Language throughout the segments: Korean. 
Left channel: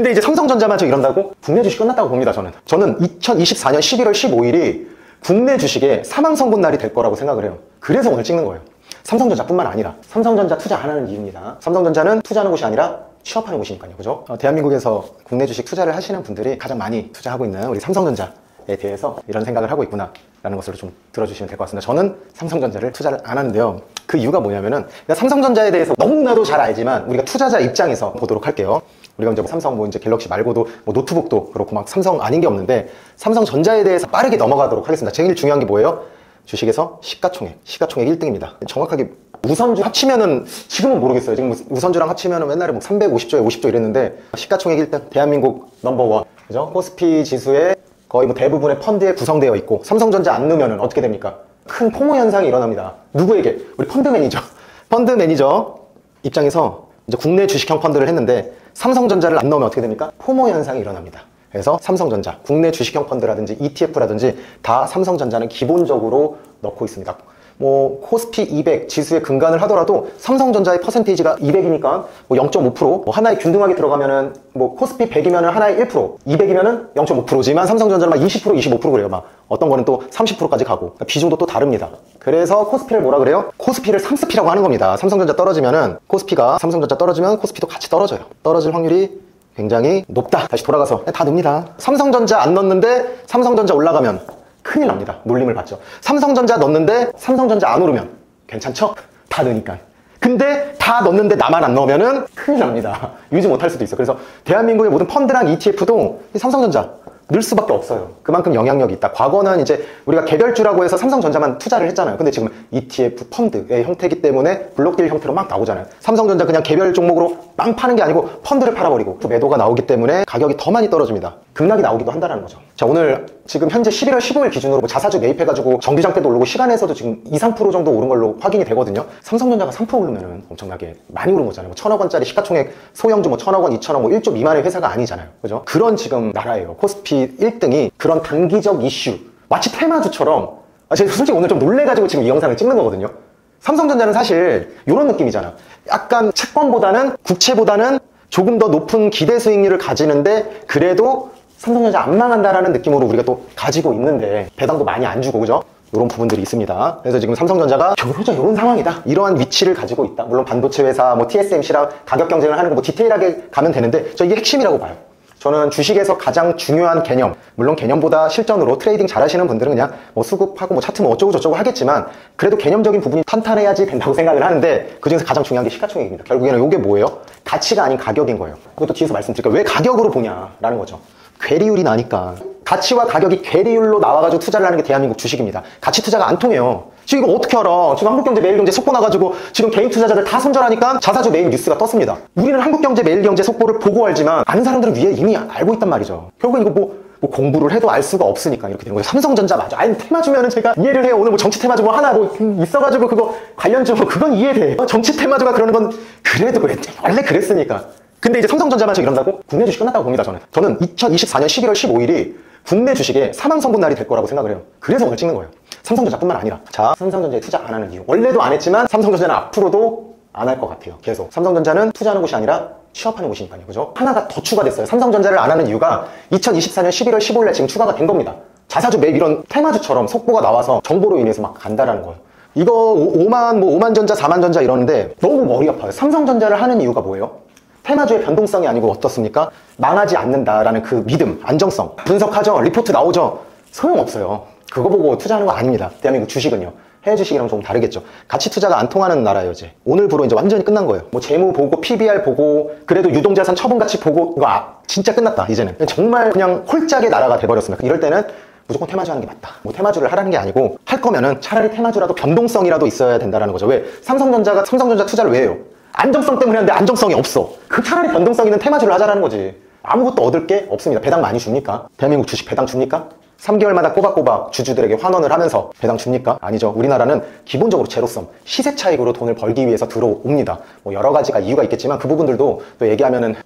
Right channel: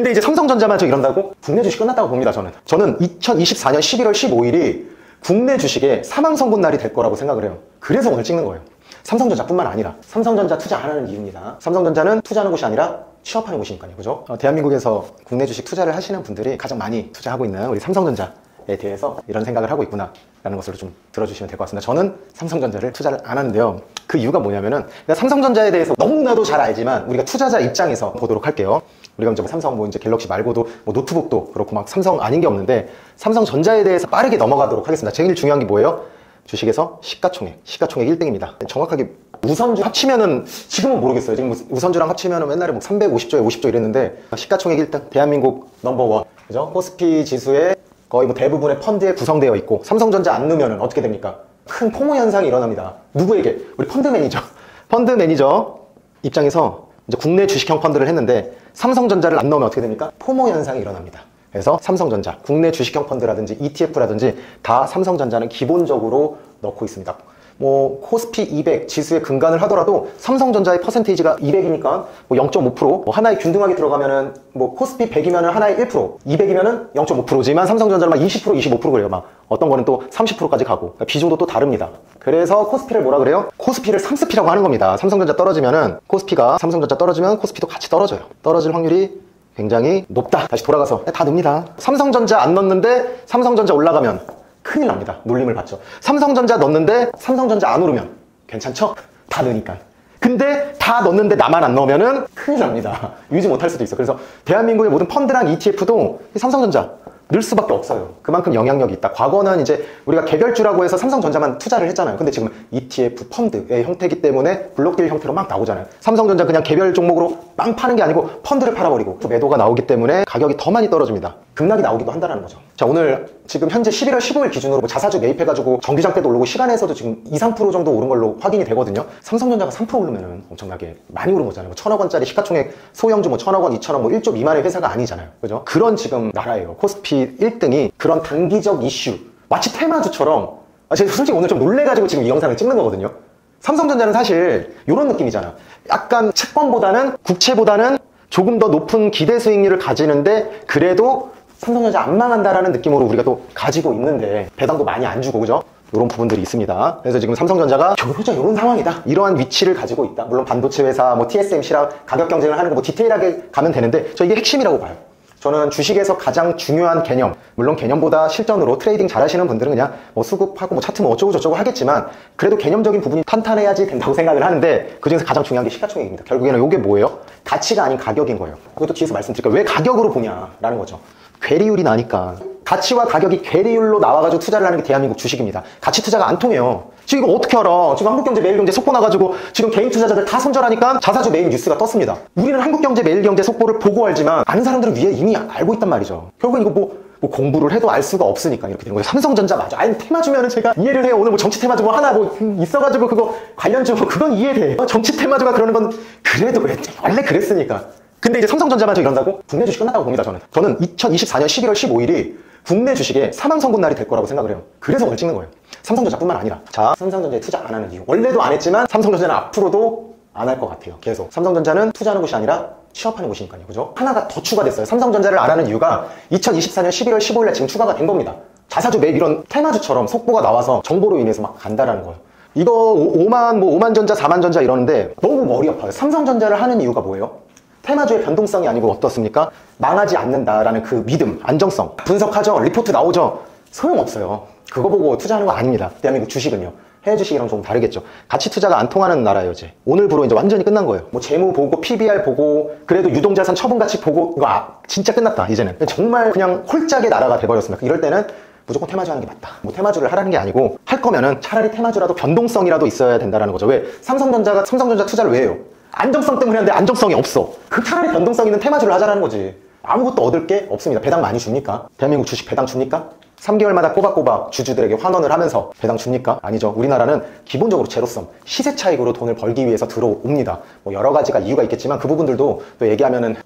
근데 이제 삼성전자만 저 이런다고 국내 주식 끝났다고 봅니다. 저는 2024년 11월 15일이 국내 주식의 사망 선고 날이 될 거라고 생각을 해요. 그래서 오늘 찍는 거예요. 삼성전자뿐만 아니라 삼성전자 투자 안 하는 이유입니다. 삼성전자는 투자하는 곳이 아니라 취업하는 곳이니까요. 그죠? 대한민국에서 국내 주식 투자를 하시는 분들이 가장 많이 투자하고 있나요? 우리 삼성전자에 대해서 이런 생각을 하고 있구나 라는 것으로 좀 들어주시면 될 것 같습니다. 저는 삼성전자를 투자를 안 하는데요. 그 이유가 뭐냐면은 삼성전자에 대해서 너무나도 잘 알지만 우리가 투자자 입장에서 보도록 할게요. 우리가 이제 삼성 이제 갤럭시 말고도 노트북도 그렇고 막 삼성 아닌 게 없는데 삼성전자에 대해서 빠르게 넘어가도록 하겠습니다. 제일 중요한 게 뭐예요? 주식에서 시가총액 1등입니다. 정확하게 우선주 합치면은 지금은 모르겠어요. 지금 우선주랑 합치면은 옛날에 뭐 350조에 50조 이랬는데 시가총액 1등 대한민국 넘버원 그죠? 코스피 지수에 거의 뭐 대부분의 펀드에 구성되어 있고 삼성전자 안 넣으면 어떻게 됩니까? 큰 포모 현상이 일어납니다. 누구에게? 우리 펀드 매니저 입장에서 이제 국내 주식형 펀드를 했는데 삼성전자를 안 넣으면 어떻게 됩니까? 포모 현상이 일어납니다. 그래서 삼성전자, 국내 주식형 펀드라든지 ETF라든지 다 삼성전자는 기본적으로 넣고 있습니다. 뭐 코스피 200 지수에 근간을 하더라도 삼성전자의 퍼센테이지가 200이니까 뭐 0.5%, 뭐 하나에 균등하게 들어가면은 뭐 코스피 100이면은 하나에 1%, 200이면은 0.5%지만 삼성전자는 막 20%, 25% 그래요. 막 어떤 거는 또 30%까지 가고 그러니까 비중도 또 다릅니다. 그래서 코스피를 뭐라 그래요? 코스피를 상습이라고 하는 겁니다. 삼성전자 떨어지면은 코스피가 삼성전자 떨어지면 코스피도 같이 떨어져요. 떨어질 확률이 굉장히 높다. 다시 돌아가서 다 넣습니다. 삼성전자 안 넣는데 삼성전자 올라가면 큰일 납니다. 물림을 받죠. 삼성전자 넣는데 삼성전자 안 오르면 괜찮죠? 다 넣으니까. 근데 다 넣는데 나만 안 넣으면은 큰일 납니다. 유지 못할 수도 있어요. 그래서 대한민국의 모든 펀드랑 ETF도 삼성전자 넣을 수밖에 없어요. 그만큼 영향력이 있다. 과거는 이제 우리가 개별주라고 해서 삼성전자만 투자를 했잖아요. 근데 지금 ETF 펀드의 형태이기 때문에 블록딜 형태가 막 나오잖아요. 삼성전자 그냥 개별 종목으로 빵 파는 게 아니고 펀드를 팔아버리고 또 매도가 나오기 때문에 가격이 더 많이 떨어집니다. 급락이 나오기도 한다는 거죠. 자, 오늘 지금 현재 11월 15일 기준으로 자사주 매입해가지고 정기장 때도 오르고 시간에서도 지금 2, 3% 정도 오른 걸로 확인이 되거든요. 삼성전자가 3% 오르면 엄청나게 많이 오른 거잖아요. 1,000억 원짜리 시가총액 소형주 뭐 1,000억 원, 2,000억 뭐 1조 미만의 회사가 아니잖아요. 그죠? 그런 지금 나라예요. 코스피 1등이 그런 단기적 이슈 마치 테마주처럼 제가 솔직히 오늘 좀 놀래가지고 지금 이 영상을 찍는 거거든요. 삼성전자는 사실 이런 느낌이잖아요. 약간 채권보다는 국채보다는 조금 더 높은 기대 수익률을 가지는데 그래도 삼성전자 안 망한다라는 느낌으로 우리가 또 가지고 있는데 배당도 많이 안 주고 그죠? 이런 부분들이 있습니다. 그래서 지금 삼성전자가 결국은 이런 상황이다. 이러한 위치를 가지고 있다. 물론 반도체 회사 뭐 TSMC랑 가격 경쟁을 하는 거 뭐 디테일하게 가면 되는데 저 이게 핵심이라고 봐요. 저는 주식에서 가장 중요한 개념, 물론 개념보다 실전으로 트레이딩 잘하시는 분들은 그냥 뭐 수급하고 뭐 차트 뭐 어쩌고 저쩌고 하겠지만 그래도 개념적인 부분이 탄탄해야지 된다고 생각을 하는데 그중에서 가장 중요한 게 시가총액입니다. 결국에는 이게 뭐예요? 가치가 아닌 가격인 거예요. 그것도 뒤에서 말씀드릴게요. 왜 가격으로 보냐라는 거죠. 괴리율이 나니까. 가치와 가격이 괴리율로 나와가지고 투자를 하는 게 대한민국 주식입니다. 가치 투자가 안 통해요. 지금 이거 어떻게 알아? 지금 한국경제 매일경제 속보 나가지고 지금 개인 투자자들 다 손절하니까 자사주 매일 뉴스가 떴습니다. 우리는 한국경제 매일경제 속보를 보고 알지만 아는 사람들은 위에 이미 알고 있단 말이죠. 결국은 이거 뭐 공부를 해도 알 수가 없으니까 이렇게 되는 거예요. 삼성전자 맞아. 아니 테마주면은 제가 이해를 해요. 오늘 뭐 정치 테마주 뭐 하나 뭐 있어가지고 그거 관련주 뭐 그건 이해돼. 정치 테마주가 그러는 건 그래도 원래 그랬으니까. 근데 이제 삼성전자만 저기 그런다고? 국내 주식 끝났다고 봅니다, 저는 2024년 11월 15일이 국내 주식의 사망 선고 날이 될 거라고 생각을 해요. 그래서 오늘 찍는 거예요. 삼성전자뿐만 아니라. 자, 삼성전자에 투자 안 하는 이유. 원래도 안 했지만 삼성전자는 앞으로도 안 할 것 같아요. 계속. 삼성전자는 투자하는 곳이 아니라 취업하는 곳이니까요. 그죠? 하나가 더 추가됐어요. 삼성전자를 안 하는 이유가 2024년 11월 15일에 지금 추가가 된 겁니다. 자사주 매입 이런 테마주처럼 속보가 나와서 정보로 인해서 막 간다라는 거예요. 이거 5만 전자, 4만 전자 이러는데 너무 머리 아파요. 삼성전자를 하는 이유가 뭐예요? 테마주의 변동성이 아니고 어떻습니까? 망하지 않는다라는 그 믿음, 안정성. 분석하죠. 리포트 나오죠. 소용없어요. 그거 보고 투자하는 거 아닙니다. 대한민국 주식은요. 해외 주식이랑 좀 다르겠죠. 가치 투자가 안 통하는 나라예요, 이제. 오늘부로 이제 완전히 끝난 거예요. 뭐 재무 보고, PBR 보고, 그래도 유동자산 처분 가치 보고, 이거 진짜 끝났다, 이제는. 정말 그냥 홀짝의 나라가 돼버렸습니다. 이럴 때는 무조건 테마주 하는 게 맞다. 뭐 테마주를 하라는 게 아니고, 할 거면은 차라리 테마주라도 변동성이라도 있어야 된다는 거죠. 왜? 삼성전자 투자를 왜 해요? 안정성 때문에 하는데 안정성이 없어. 그 차라리 변동성 있는 테마주를 하자는 거지. 아무것도 얻을 게 없습니다. 배당 많이 줍니까? 대한민국 주식 배당 줍니까? 3개월마다 꼬박꼬박 주주들에게 환원을 하면서 배당 줍니까? 아니죠. 우리나라는 기본적으로 제로섬, 시세 차익으로 돈을 벌기 위해서 들어옵니다. 뭐 여러 가지가 이유가 있겠지만 그 부분들도 또 얘기하면은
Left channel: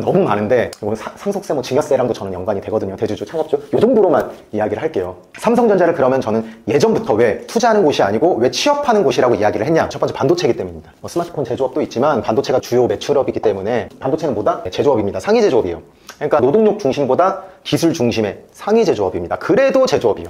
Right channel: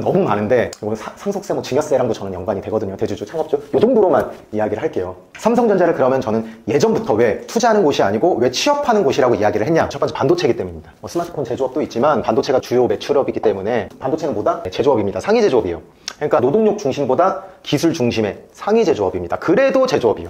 너무 많은데 상속세, 뭐 증여세랑도 저는 연관이 되거든요. 대주주, 창업주 이 정도로만 이야기를 할게요. 삼성전자를 그러면 저는 예전부터 왜 투자하는 곳이 아니고 왜 취업하는 곳이라고 이야기를 했냐? 첫 번째 반도체이기 때문입니다. 뭐 스마트폰 제조업도 있지만 반도체가 주요 매출업이기 때문에 반도체는 뭐다? 제조업입니다. 상위 제조업이에요. 그러니까 노동력 중심보다 기술 중심의 상위 제조업입니다. 그래도 제조업이에요.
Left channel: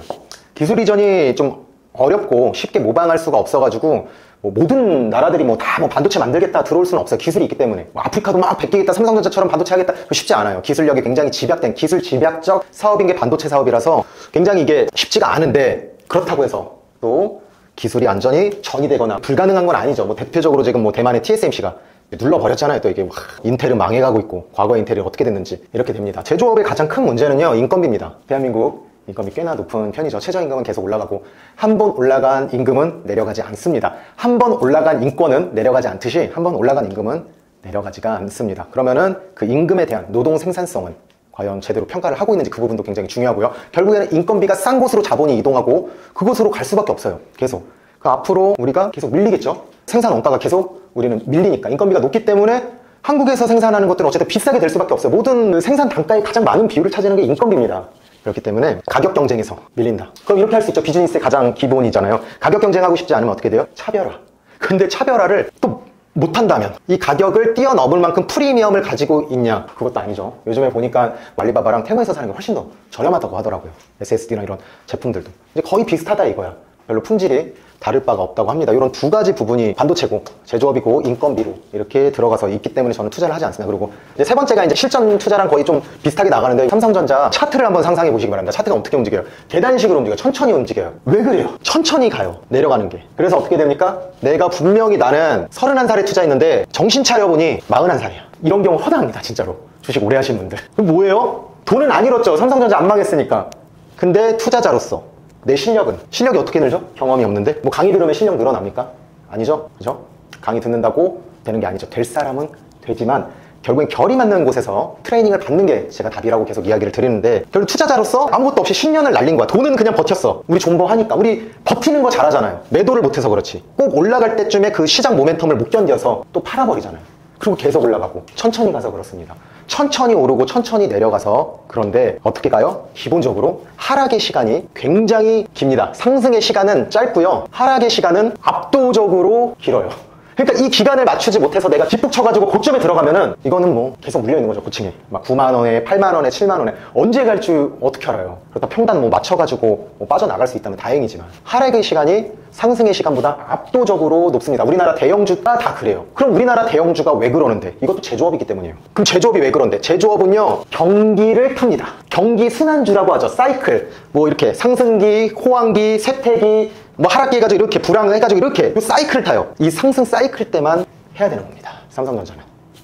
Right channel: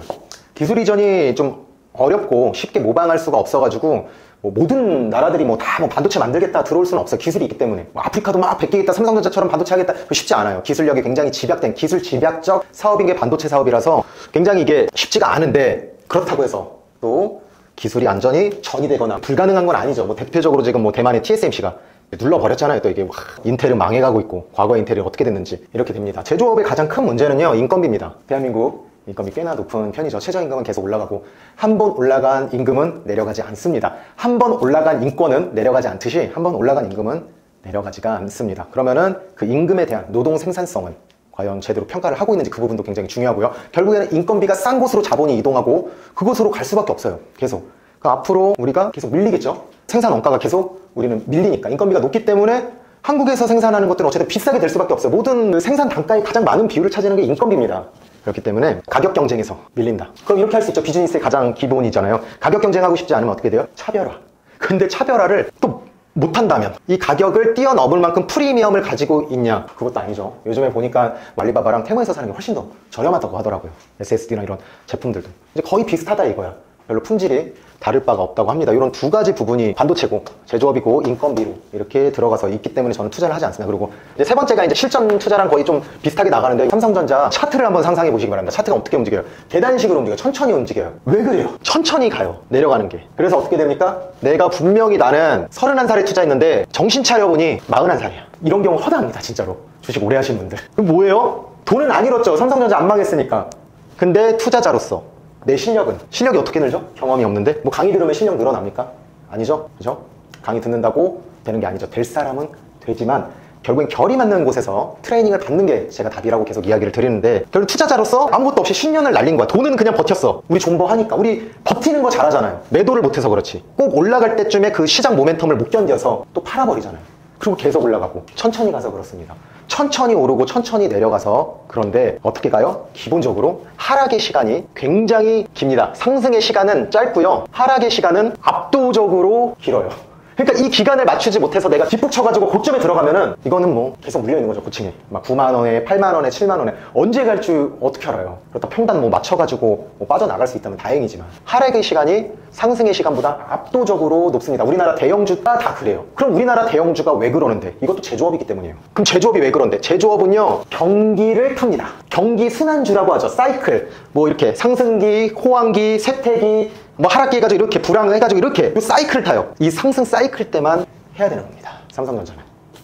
기술 이전이 좀 어렵고 쉽게 모방할 수가 없어가지고 뭐 모든 나라들이 다 반도체 만들겠다 들어올 수는 없어요. 기술이 있기 때문에. 뭐 아프리카도 막 베끼겠다, 삼성전자처럼 반도체 하겠다, 쉽지 않아요. 기술력이 굉장히 집약된 기술 집약적 사업인 게 반도체 사업이라서 굉장히 이게 쉽지가 않은데, 그렇다고 해서 또 기술이 완전히 전이되거나 불가능한 건 아니죠. 뭐 대표적으로 지금 뭐 대만의 TSMC가 눌러버렸잖아요. 또 이게 인텔은 망해가고 있고, 과거 인텔이 어떻게 됐는지 이렇게 됩니다. 제조업의 가장 큰 문제는요, 인건비입니다. 대한민국 인건비 꽤나 높은 편이죠. 최저임금은 계속 올라가고, 한 번 올라간 임금은 내려가지 않습니다. 한 번 올라간 인권은 내려가지 않듯이 한 번 올라간 임금은 내려가지가 않습니다. 그러면은 그 임금에 대한 노동 생산성은 과연 제대로 평가를 하고 있는지, 그 부분도 굉장히 중요하고요. 결국에는 인건비가 싼 곳으로 자본이 이동하고 그곳으로 갈 수밖에 없어요. 계속. 앞으로 우리가 계속 밀리겠죠. 생산 원가가 계속 우리는 밀리니까, 인건비가 높기 때문에 한국에서 생산하는 것들은 어쨌든 비싸게 될 수밖에 없어요. 모든 생산 단가의 가장 많은 비율을 차지하는 게 인건비입니다. 그렇기 때문에 가격 경쟁에서 밀린다. 그럼 이렇게 할 수 있죠. 비즈니스의 가장 기본이잖아요. 가격 경쟁하고 싶지 않으면 어떻게 돼요? 차별화. 근데 차별화를 또 못한다면, 이 가격을 뛰어넘을 만큼 프리미엄을 가지고 있냐? 그것도 아니죠. 요즘에 보니까 알리바바랑 테마에서 사는 게 훨씬 더 저렴하다고 하더라고요. SSD나 이런 제품들도 이제 거의 비슷하다 이거야. 별로 품질이 다를 바가 없다고 합니다. 이런 두 가지 부분이 반도체고 제조업이고 인건비로 이렇게 들어가서 있기 때문에 저는 투자를 하지 않습니다. 그리고 이제 세 번째가 이제 실전 투자랑 거의 좀 비슷하게 나가는데, 삼성전자 차트를 한번 상상해 보시기 바랍니다. 차트가 어떻게 움직여요? 계단식으로 움직여요. 천천히 움직여요. 왜 그래요? 천천히 가요. 내려가는 게. 그래서 어떻게 됩니까? 내가 분명히 나는 31살에 투자했는데 정신 차려보니 41살이야. 이런 경우 허다합니다. 진짜로. 주식 오래 하시는 분들. 그럼 뭐예요? 돈은 안 잃었죠. 삼성전자 안 망했으니까. 근데 투자자로서 내 실력이 어떻게 늘죠? 경험이 없는데. 뭐 강의 들으면 실력 늘어납니까? 아니죠? 그죠? 강의 듣는다고 되는 게 아니죠. 될 사람은 되지만 결국엔 결이 맞는 곳에서 트레이닝을 받는 게 제가 답이라고 계속 이야기를 드리는데, 결국 투자자로서 아무것도 없이 10년을 날린 거야. 돈은 그냥 버텼어. 우리 존버하니까. 우리 버티는 거 잘하잖아요. 매도를 못해서 그렇지. 꼭 올라갈 때쯤에 그 시장 모멘텀을 못 견뎌서 또 팔아버리잖아요. 그리고 계속 올라가고 천천히 가서 그렇습니다. 천천히 오르고 천천히 내려가서. 그런데 어떻게 가요? 기본적으로 하락의 시간이 굉장히 깁니다. 상승의 시간은 짧고요, 하락의 시간은 압도적으로 길어요. 그러니까 이 기간을 맞추지 못해서 내가 뒷북 쳐가지고 고점에 들어가면은 이거는 뭐 계속 물려있는 거죠. 고층에 막 9만원에 8만원에 7만원에 언제 갈지 어떻게 알아요? 그렇다 평단 뭐 맞춰가지고 뭐 빠져나갈 수 있다면 다행이지만, 하락의 시간이 상승의 시간보다 압도적으로 늦습니다. 우리나라 대형주가 다 그래요. 그럼 우리나라 대형주가 왜 그러는데? 이것도 제조업이기 때문이에요. 그럼 제조업이 왜 그런데? 제조업은요, 경기를 탑니다. 경기 순환주라고 하죠. 사이클. 뭐 이렇게 상승기, 호황기, 쇠퇴기, 뭐 하락기 해가지고 이렇게 불황을 해가지고 이렇게 사이클을 타요. 이 상승 사이클 때만 해야 되는 겁니다. 삼성전자는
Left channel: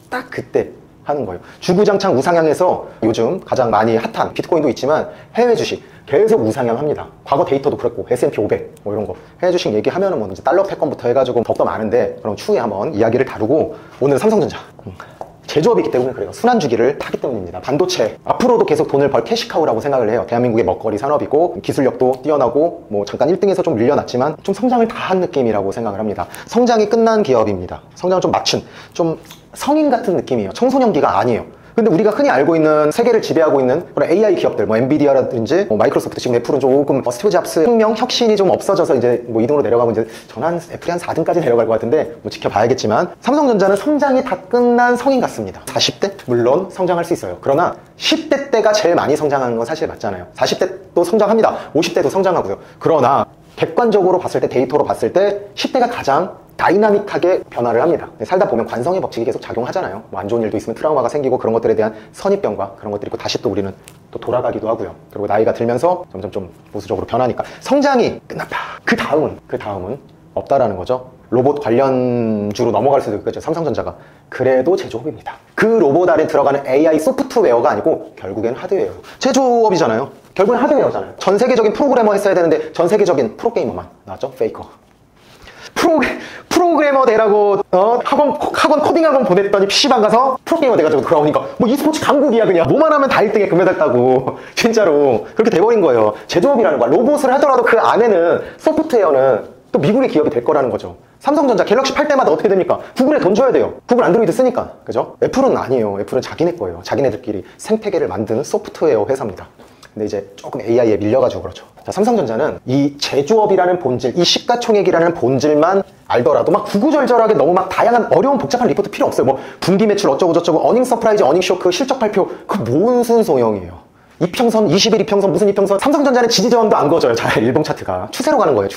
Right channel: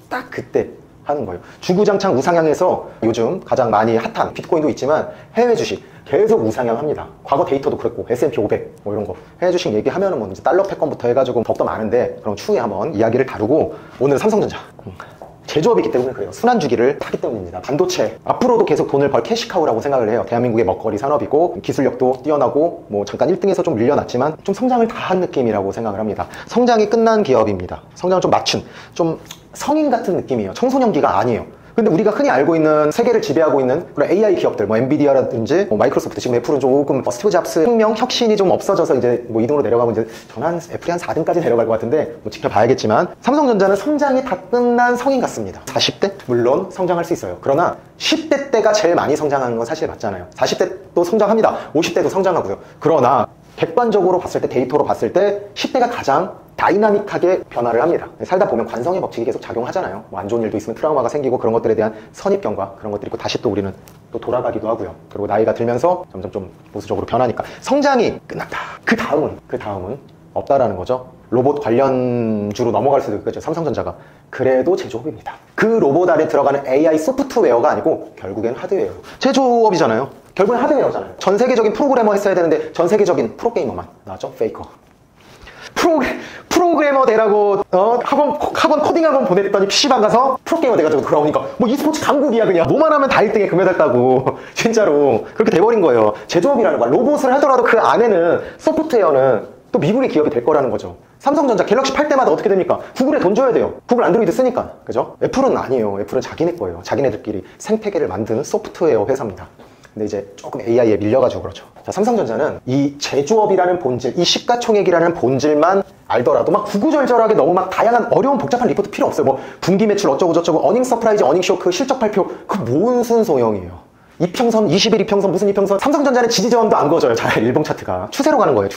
딱 그때 하는 거예요. 주구장창 우상향해서 요즘 가장 많이 핫한 비트코인도 있지만 해외 주식 계속 우상향합니다. 과거 데이터도 그렇고 S&P 500 뭐 이런 거 해외 주식 얘기하면은 뭐 이제 달러 패권부터 해가지고 더욱더 많은데, 그럼 추후에 한번 이야기를 다루고, 오늘 삼성전자 제조업이기 때문에 그래요. 순환주기를 타기 때문입니다. 반도체 앞으로도 계속 돈을 벌 캐시카우라고 생각을 해요. 대한민국의 먹거리 산업이고 기술력도 뛰어나고, 뭐 잠깐 1등에서 좀 밀려났지만 좀 성장을 다 한 느낌이라고 생각을 합니다. 성장이 끝난 기업입니다. 성장 좀 맞춘, 좀 성인 같은 느낌이에요. 청소년기가 아니에요. 근데 우리가 흔히 알고 있는 세계를 지배하고 있는 그런 AI 기업들, 뭐 엔비디아라든지 뭐 마이크로소프트, 지금 애플은 조금 스티브 잡스 혁명, 혁신이 좀 없어져서 이제 뭐 이동으로 내려가고, 이제 전한 애플이 한 4등까지 내려갈 것 같은데 뭐 지켜봐야겠지만, 삼성전자는 성장이 다 끝난 성인 같습니다. 40대? 물론 성장할 수 있어요. 그러나 10대 때가 제일 많이 성장하는 건 사실 맞잖아요. 40대도 성장합니다. 50대도 성장하고요. 그러나 객관적으로 봤을 때, 데이터로 봤을 때 10대가 가장 다이나믹하게 변화를 합니다. 살다 보면 관성의 법칙이 계속 작용하잖아요. 뭐 안 좋은 일도 있으면 트라우마가 생기고, 그런 것들에 대한 선입견과 그런 것들이 있고, 다시 또 우리는 또 돌아가기도 하고요. 그리고 나이가 들면서 점점 좀 보수적으로 변하니까 성장이 끝났다. 그 다음은 없다라는 거죠. 로봇 관련주로 넘어갈 수도 있겠죠. 삼성전자가. 그래도 제조업입니다. 그 로봇 안에 들어가는 AI 소프트웨어가 아니고 결국엔 하드웨어. 제조업이잖아요. 결국엔 하드웨어잖아요. 전 세계적인 프로그래머 했어야 되는데 전 세계적인 프로게이머만 나왔죠. 페이커. 프로그래머 되라고 학원 코딩 학원 보냈더니 PC방 가서 프로게이머 돼가지고 그러니까 뭐 e스포츠 강국이야. 그냥 뭐만 하면 다 1등에 금메달 따고 진짜로 그렇게 돼버린 거예요. 제조업이라는 거야. 로봇을 하더라도 그 안에는 소프트웨어는 또 미국의 기업이 될 거라는 거죠. 삼성전자 갤럭시 팔 때마다 어떻게 됩니까? 구글에 돈 줘야 돼요. 구글 안드로이드 쓰니까. 그죠? 애플은 아니에요. 애플은 자기네 거예요. 자기네들끼리 생태계를 만드는 소프트웨어 회사입니다. 근데 이제 조금 AI에 밀려가지고 그렇죠. 자, 삼성전자는 이 제조업이라는 본질, 이 시가총액이라는 본질만 알더라도 막 구구절절하게 너무 막 다양한 어려운 복잡한 리포트 필요 없어요. 뭐 분기 매출 어쩌고 저쩌고 어닝 서프라이즈, 어닝 쇼크, 실적 발표 그 무슨 소용이에요. 이평선, 20일 이평선, 무슨 이평선. 삼성전자는 지지저항도 안 거져요. 저 일봉 차트가 추세로 가는 거예요.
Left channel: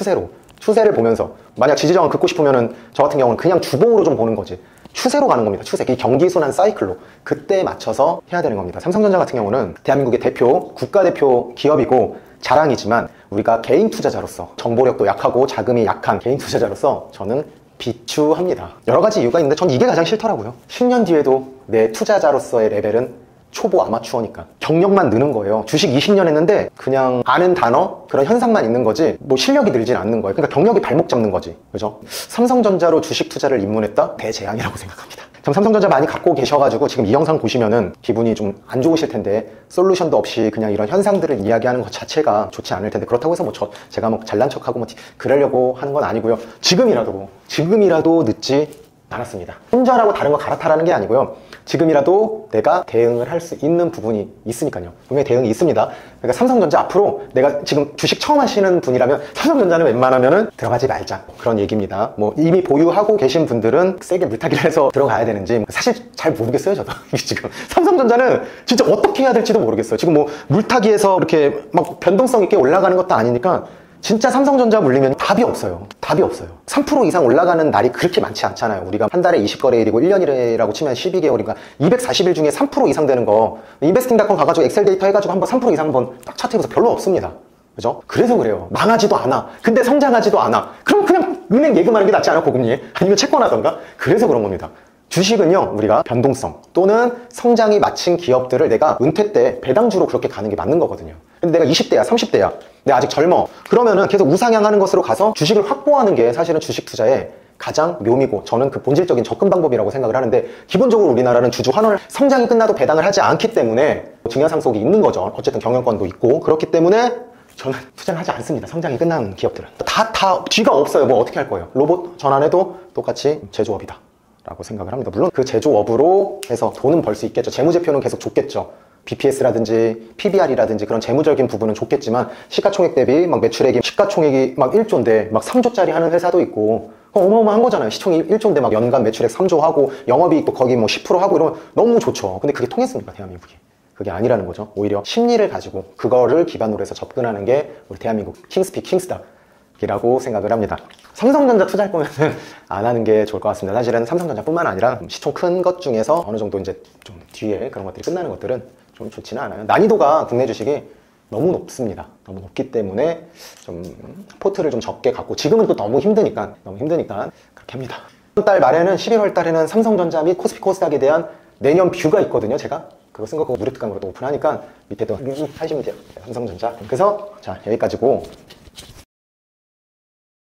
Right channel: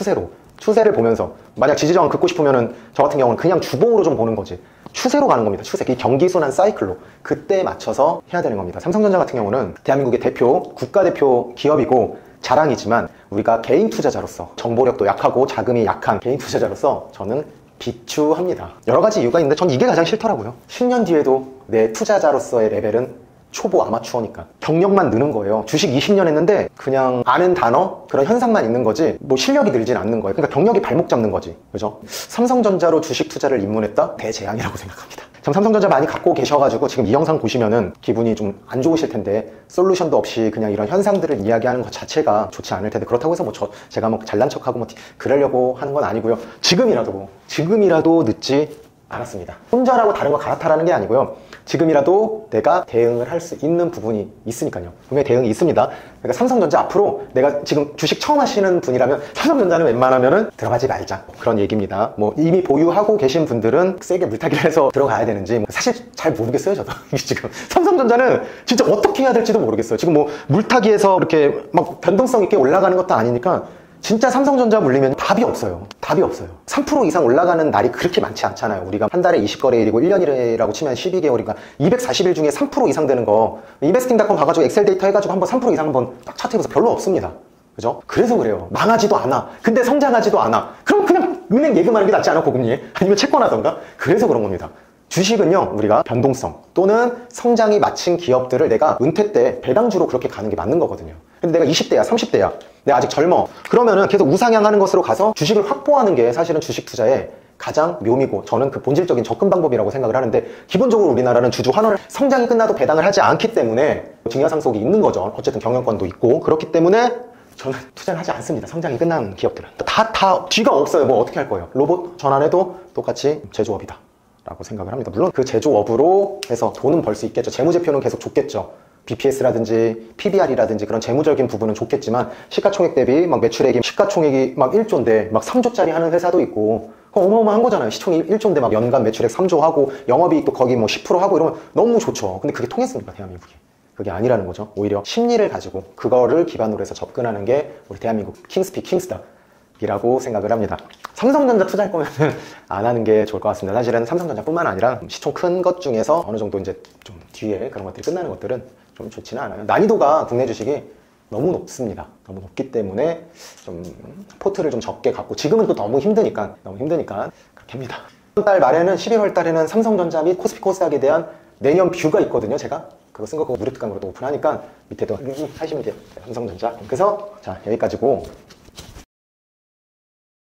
추세를 보면서 만약 지지저항을 긋고 싶으면은 저 같은 경우는 그냥 주봉으로 좀 보는 거지. 추세로 가는 겁니다. 추세. 경기순환 사이클로. 그때에 맞춰서 해야 되는 겁니다. 삼성전자 같은 경우는 대한민국의 대표, 국가대표 기업이고 자랑이지만 우리가 개인 투자자로서 정보력도 약하고 자금이 약한 개인 투자자로서 저는 비추합니다. 여러 가지 이유가 있는데 전 이게 가장 싫더라고요. 10년 뒤에도 내 투자자로서의 레벨은 초보 아마추어니까 경력만 느는 거예요. 주식 20년 했는데 그냥 아는 단어 그런 현상만 있는 거지 뭐 실력이 늘진 않는 거예요. 그러니까 경력이 발목 잡는 거지. 그죠? 삼성전자로 주식 투자를 입문했다? 대재앙이라고 생각합니다. 전 삼성전자 많이 갖고 계셔가지고 지금 이 영상 보시면은 기분이 좀 안 좋으실 텐데 솔루션도 없이 그냥 이런 현상들을 이야기하는 것 자체가 좋지 않을 텐데 그렇다고 해서 뭐 제가 뭐 잘난 척하고 뭐 그러려고 하는 건 아니고요. 지금이라도 늦지 않았습니다. 혼자라고 다른 거 갈아타라는 게 아니고요. 지금이라도 내가 대응을 할 수 있는 부분이 있으니까요. 분명히 대응이 있습니다. 그러니까 삼성전자 앞으로 내가 지금 주식 처음 하시는 분이라면 삼성전자는 웬만하면은 들어가지 말자. 그런 얘기입니다. 뭐 이미 보유하고 계신 분들은 세게 물타기를 해서 들어가야 되는지 사실 잘 모르겠어요. 저도 지금 삼성전자는 진짜 어떻게 해야 될지도 모르겠어요. 지금 뭐 물타기에서 이렇게 막 변동성 있게 올라가는 것도 아니니까 진짜 삼성전자 물리면 답이 없어요. 3% 이상 올라가는 날이 그렇게 많지 않잖아요. 우리가 한 달에 20거래일이고 1년이라고 치면 12개월이니까 240일 중에 3% 이상 되는 거 인베스팅닷컴 가가지고 엑셀 데이터 해가지고 한번 3% 이상 한번 딱 차트해보세요. 별로 없습니다. 그죠? 그래서 그래요. 망하지도 않아. 근데 성장하지도 않아. 그럼 그냥 은행 예금하는 게 낫지 않아? 고금리에? 아니면 채권하던가? 그래서 그런 겁니다. 주식은요, 우리가 변동성 또는 성장이 마친 기업들을 내가 은퇴 때 배당주로 그렇게 가는 게 맞는 거거든요. 근데 내가 20대야, 30대야. 내가 아직 젊어. 그러면은 계속 우상향하는 것으로 가서 주식을 확보하는 게 사실은 주식 투자의 가장 묘미고 저는 그 본질적인 접근 방법이라고 생각을 하는데 기본적으로 우리나라는 주주 환원을 성장이 끝나도 배당을 하지 않기 때문에 증여상속이 있는 거죠. 어쨌든 경영권도 있고 그렇기 때문에 저는 투자를 하지 않습니다. 성장이 끝난 기업들은. 다 뒤가 없어요. 뭐 어떻게 할 거예요? 로봇 전환해도 똑같이 제조업이다. 라고 생각을 합니다. 물론 그 제조업으로 해서 돈은 벌 수 있겠죠. 재무제표는 계속 좋겠죠. BPS라든지 PBR이라든지 그런 재무적인 부분은 좋겠지만 시가총액 대비 막 매출액이 시가총액이 막 1조인데 막 3조짜리 하는 회사도 있고 어마어마한 거잖아요. 시총이 1조인데 막 연간 매출액 3조 하고 영업이익도 거기 뭐 10% 하고 이러면 너무 좋죠. 근데 그게 통했습니까? 대한민국에. 그게 아니라는 거죠. 오히려 심리를 가지고 그거를 기반으로 해서 접근하는 게 우리 대한민국 킹스피 킹스다. 라고 생각을 합니다. 삼성전자 투자할 거면 안 하는 게 좋을 것 같습니다. 사실은 삼성전자뿐만 아니라 시총 큰 것 중에서 어느 정도 이제 좀 뒤에 그런 것들이 끝나는 것들은 좀 좋지는 않아요. 난이도가 국내 주식이 너무 높습니다. 너무 높기 때문에 좀 포트를 좀 적게 갖고 지금은 또 너무 힘드니까 그렇게 합니다. 11월 달에는 삼성전자 및 코스피 코스닥에 대한 내년 뷰가 있거든요. 제가 그거 쓴 거 그거 무료특강으로 오픈하니까 밑에도 하시면 돼요. 삼성전자. 그래서 자 여기까지고